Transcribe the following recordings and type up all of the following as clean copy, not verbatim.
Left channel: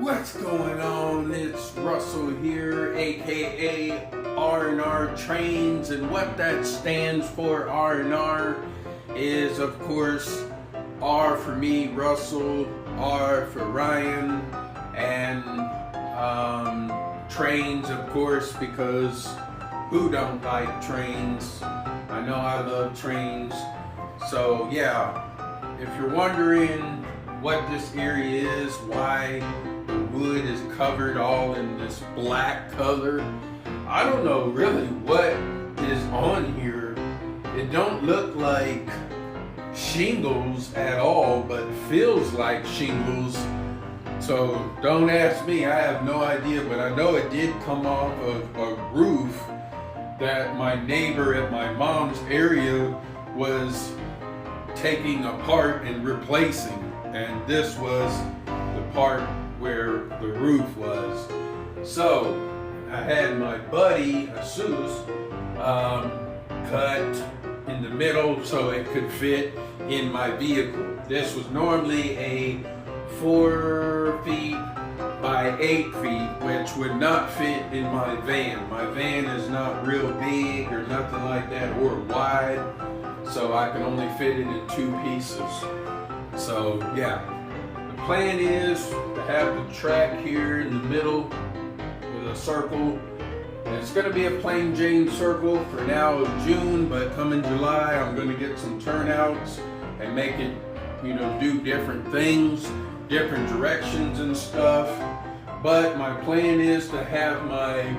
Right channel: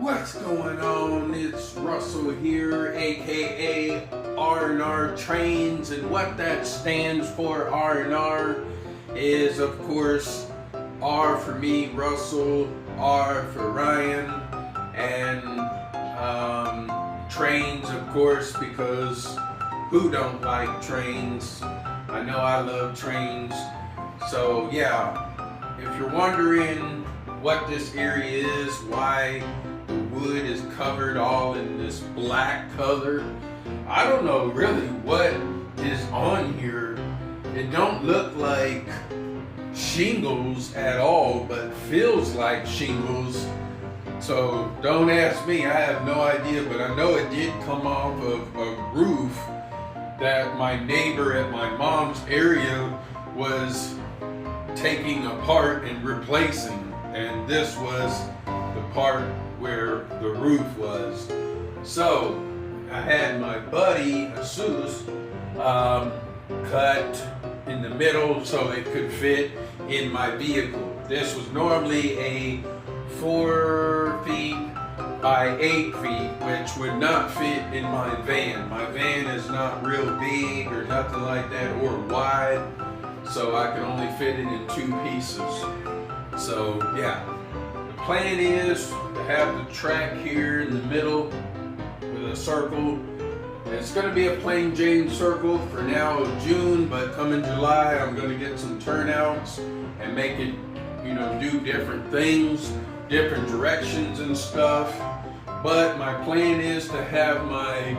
What's going on? It's Russell here, aka R&R Trains, and what that stands for, R&R, is of course R for me, Russell, R for Ryan, and trains, of course, because who don't like trains? I know I love trains. So yeah, if you're wondering what this area is, why the wood is covered all in this black color, I don't know really what is on here. It don't look like shingles at all, but feels like shingles. So don't ask me, I have no idea, but I know it did come off of a roof that my neighbor at my mom's area was taking apart and replacing, and this was the part where the roof was. So I had my buddy Jesus cut in the middle so it could fit in my vehicle. This was normally a 4 feet by 8 feet, which would not fit in my van. My van is not real big or nothing like that, or wide, so I can only fit it in 2 pieces. So yeah, the plan is to have the track here in the middle with a circle. And it's going to be a plain Jane circle for now of June, but coming July I'm going to get some turnouts and make it, do different things, different directions and stuff. But my plan is to have my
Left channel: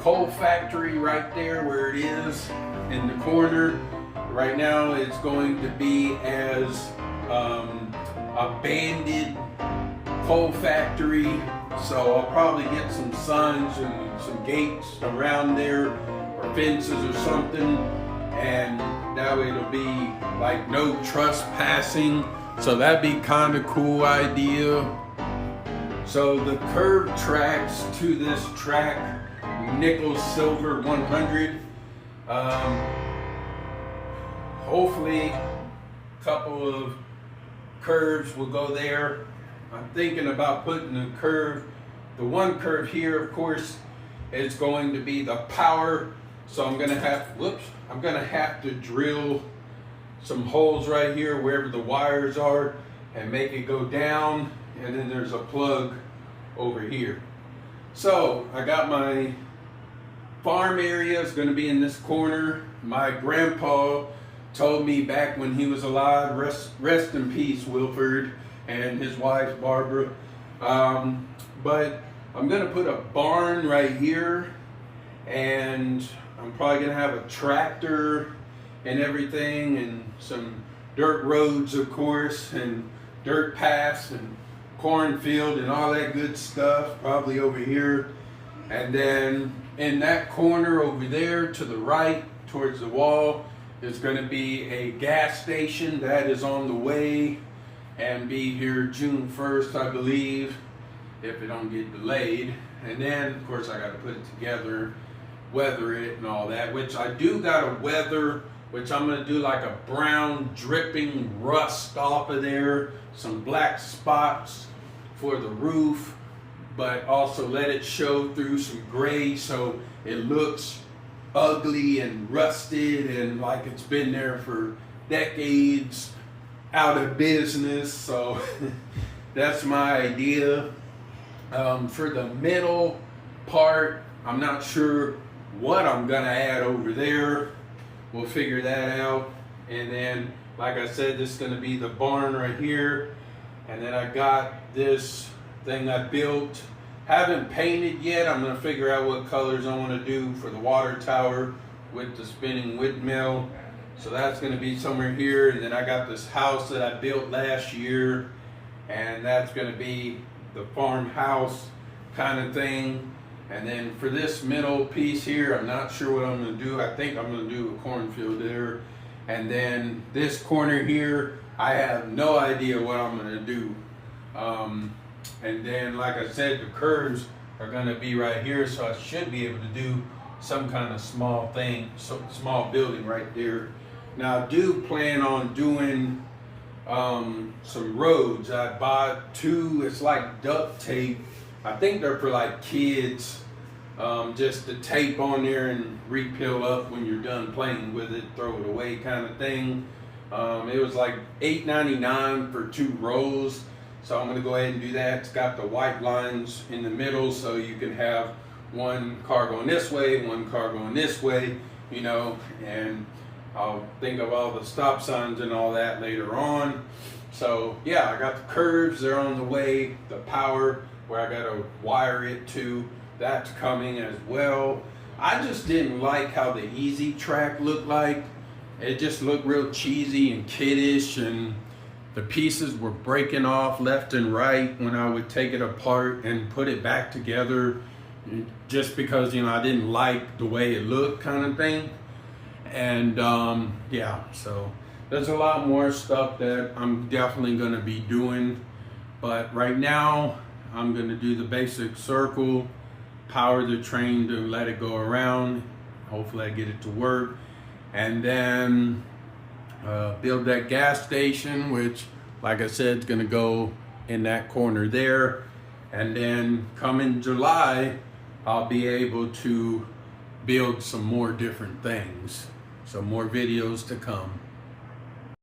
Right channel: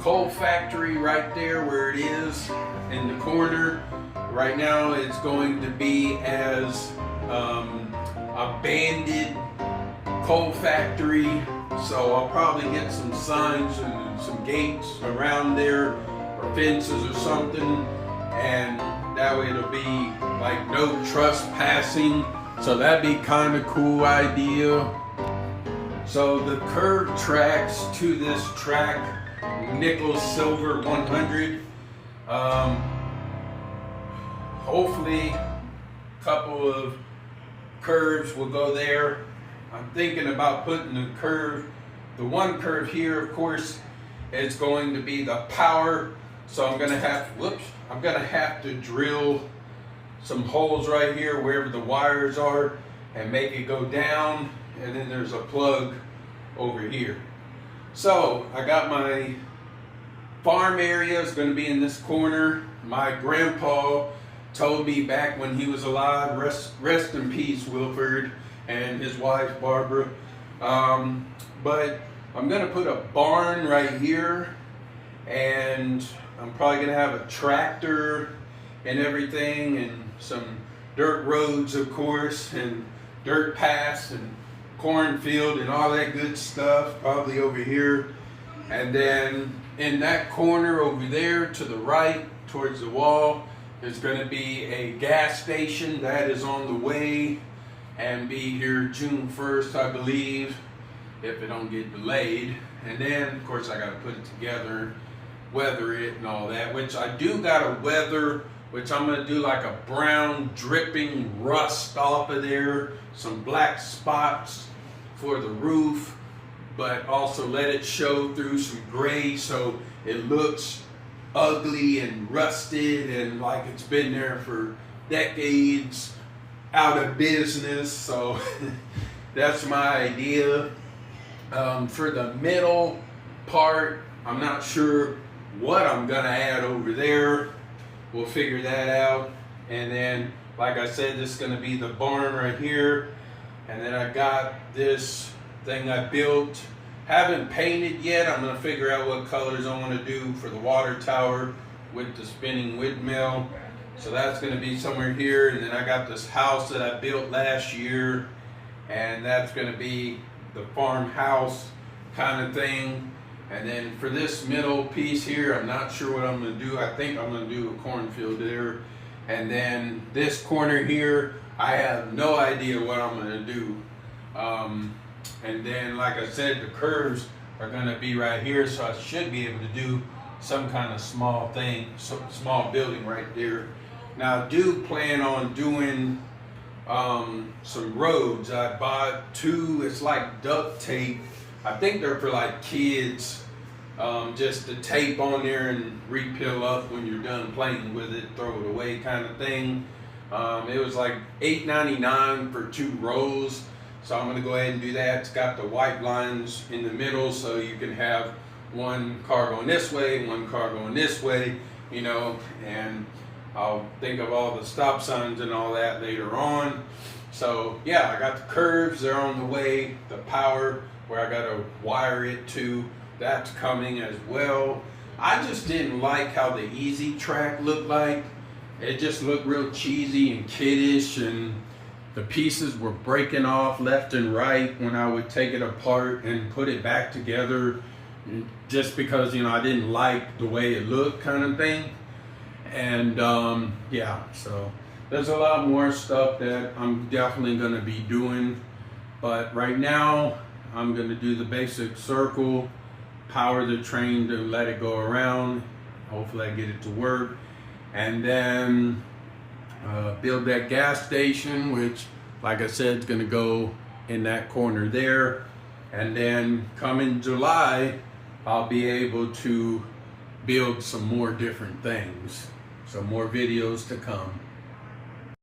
coal factory right there where it is in the corner. Right now it's going to be as a banded coal factory, so I'll probably get some signs and some gates around there or fences or something, and that way it'll be like no trespassing. So that'd be kind of cool idea. So the curved tracks to this track, nickel silver 100. Hopefully a couple of curves will go there. I'm thinking about putting the one curve here, of course, is going to be the power. So I'm gonna have to drill some holes right here wherever the wires are and make it go down, and then there's a plug over here. So I got my farm area is going to be in this corner. My grandpa told me back when he was alive, rest in peace, Wilford, and his wife Barbara, but I'm going to put a barn right here, and I'm probably going to have a tractor and everything, and some dirt roads, of course, and dirt paths and cornfield and all that good stuff probably over here. And then in that corner over there to the right towards the wall, there's going to be a gas station that is on the way and be here June 1st, I believe, if it don't get delayed. And then of course I got to put it together, weather it and all that, which I do got to weather, which I'm going to do like a brown dripping rust off of there, some black spots for the roof, but also let it show through some gray so it looks ugly and rusted and like it's been there for decades, out of business. So that's my idea. For the middle part, I'm not sure what I'm gonna add over there. We'll figure that out. And then, like I said, this is gonna be the barn right here. And then I got this thing I built, haven't painted yet. I'm gonna figure out what colors I wanna do for the water tower with the spinning windmill. So that's gonna be somewhere here. And then I got this house that I built last year, and that's gonna be the farmhouse kind of thing. And then for this middle piece here, I'm not sure what I'm gonna do. I think I'm gonna do a cornfield there. And then this corner here, I have no idea what I'm gonna do. And then, like I said, the curves are gonna be right here, so I should be able to do some kind of small thing, small building right there. Now I do plan on doing some roads. I bought two, it's like duct tape. I think they're for like kids, just to tape on there and repill up when you're done playing with it, throw it away kind of thing. It was like $8.99 for 2 rolls. So I'm gonna go ahead and do that. It's got the white lines in the middle, so you can have one car going this way, one car going this way, you know, and I'll think of all the stop signs and all that later on. So yeah, I got the curves, they're on the way. The power, where I gotta wire it to, that's coming as well. I just didn't like how the Easy Track looked like. It just looked real cheesy and kiddish, and the pieces were breaking off left and right when I would take it apart and put it back together, just because, you know, I didn't like the way it looked kind of thing. And yeah, so there's a lot more stuff that I'm definitely going to be doing, but right now I'm going to do the basic circle, power the train to let it go around, hopefully I get it to work, and then build that gas station, which, like I said, is going to go in that corner there. And then come in July, I'll be able to build some more different things. So more videos to come.